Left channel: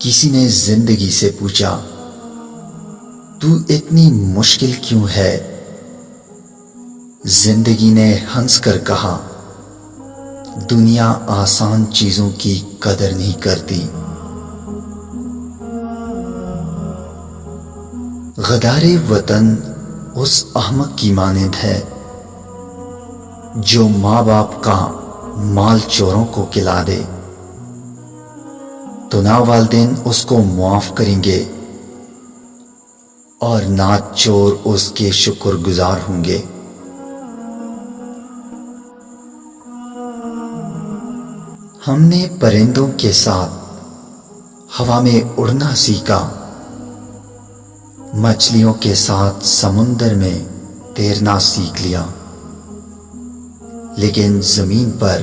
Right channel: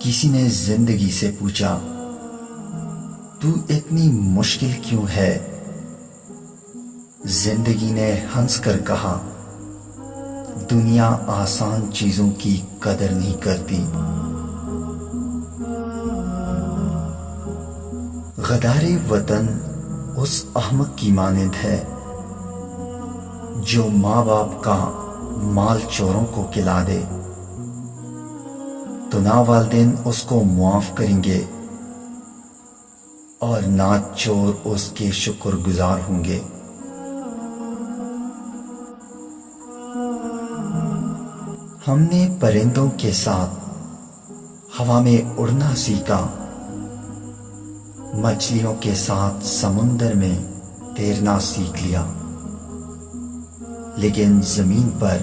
کسی نے زندگی سے پوچھا، تو اتنی مشکل کیوں ہے؟ زندگی نے ہنس کر کہا، دنیا آسان چیزوں کی قدر نہیں کرتی۔ غدار وطن اس احمق کی مانند ہے جو ماں باپ کا مال چوروں کو کھلا دے، تو نہ والدین اس کو معاف کریں گے اور نہ چور اس کے شکر گزار ہوں گے۔ ہم نے پرندوں کے ساتھ ہوا میں اڑنا سیکھا، مچھلیوں کے ساتھ سمندر میں تیرنا سیکھ لیا، لیکن زمین پر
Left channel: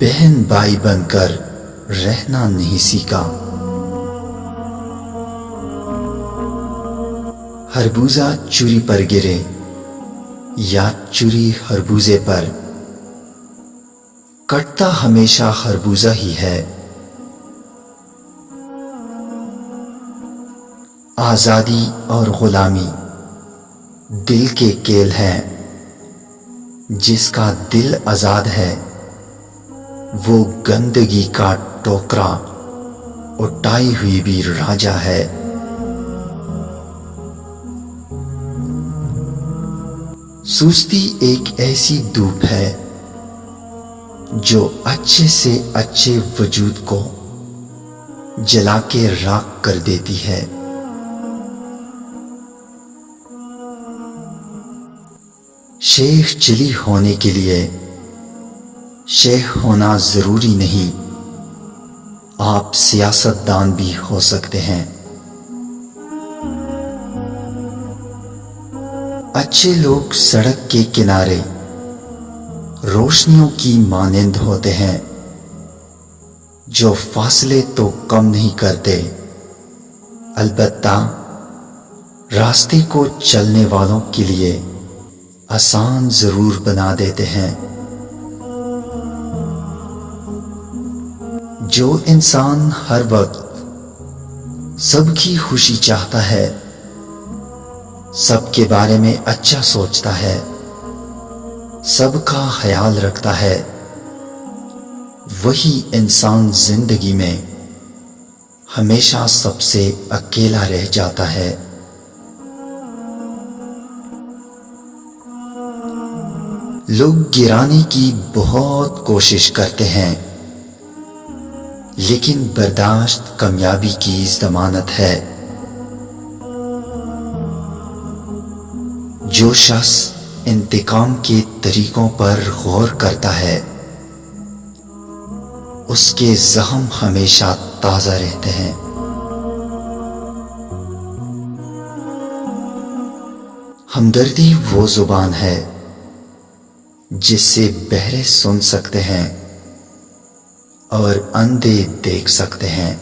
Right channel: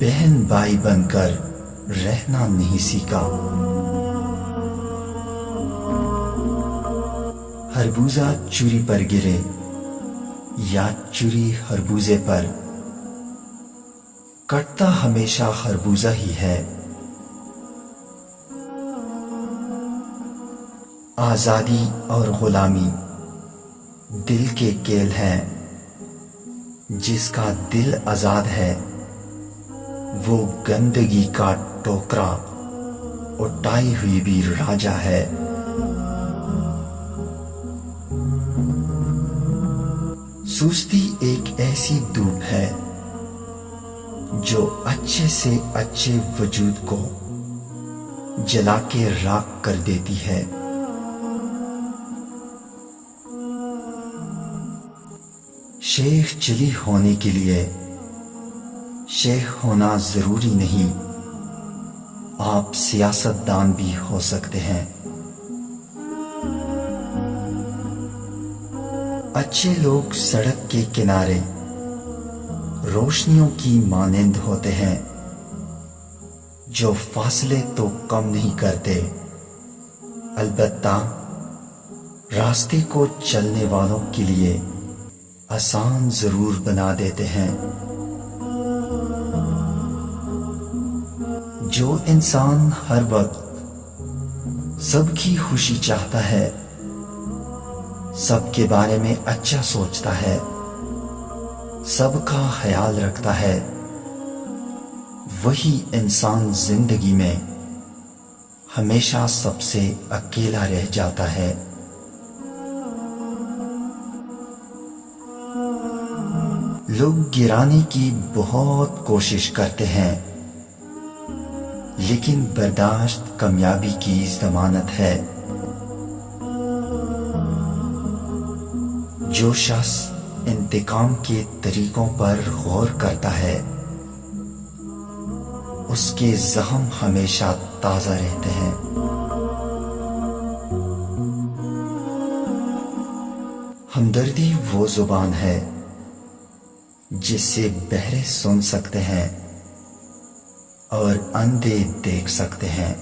بہن بھائی بن کر رہنا نہیں سیکھا۔ خربوزہ چوری پر گرے یا چوری خربوزے پر، کٹتا ہمیشہ خربوزہ ہی ہے۔ آزادی اور غلامی دل کے کھیل ہیں، جس کا دل آزاد ہے وہ گندگی کا ٹوکرا اٹھائی ہوئی بھی راجا ہے۔ سستی ایک ایسی دھوپ ہے جو اچھے سے اچھے وجود کو جلا کے راکھ کر دیتی ہے۔ شیخ چلی ہونے کے لیے شیخ ہونا ضروری نہیں، آپ سیاست دان بھی ہو سکتے ہیں۔ اچھے لوگ سڑک کے کنارے روشنیوں کی مانند ہوتے ہیں جو فاصلے تو کم نہیں کرتے، البتہ راستے کو چلنے والوں کے لیے آسان ضرور بنا دیتے ہیں۔ جو انسان ہر وقت سب کی خوشی چاہتا ہے، سب کے بارے میں اچھا سوچتا ہے، سب کا خیال رکھتا ہے، وہی انسان زندگی میں ہمیشہ سب سے اکیلا رہ جاتا ہے۔ لوگ گرانے کی بہت کوشش کرتے ہیں، لیکن برداشت کامیابی کی ضمانت ہے۔ جو شخص انتقام کے طریقوں پر غور کرتا ہے، اس کے زخم ہمیشہ تازہ رہتے ہیں۔ ہمدردی وہ زبان ہے جس سے بہرے سن سکتے ہیں اور اندھے دیکھ سکتے ہیں۔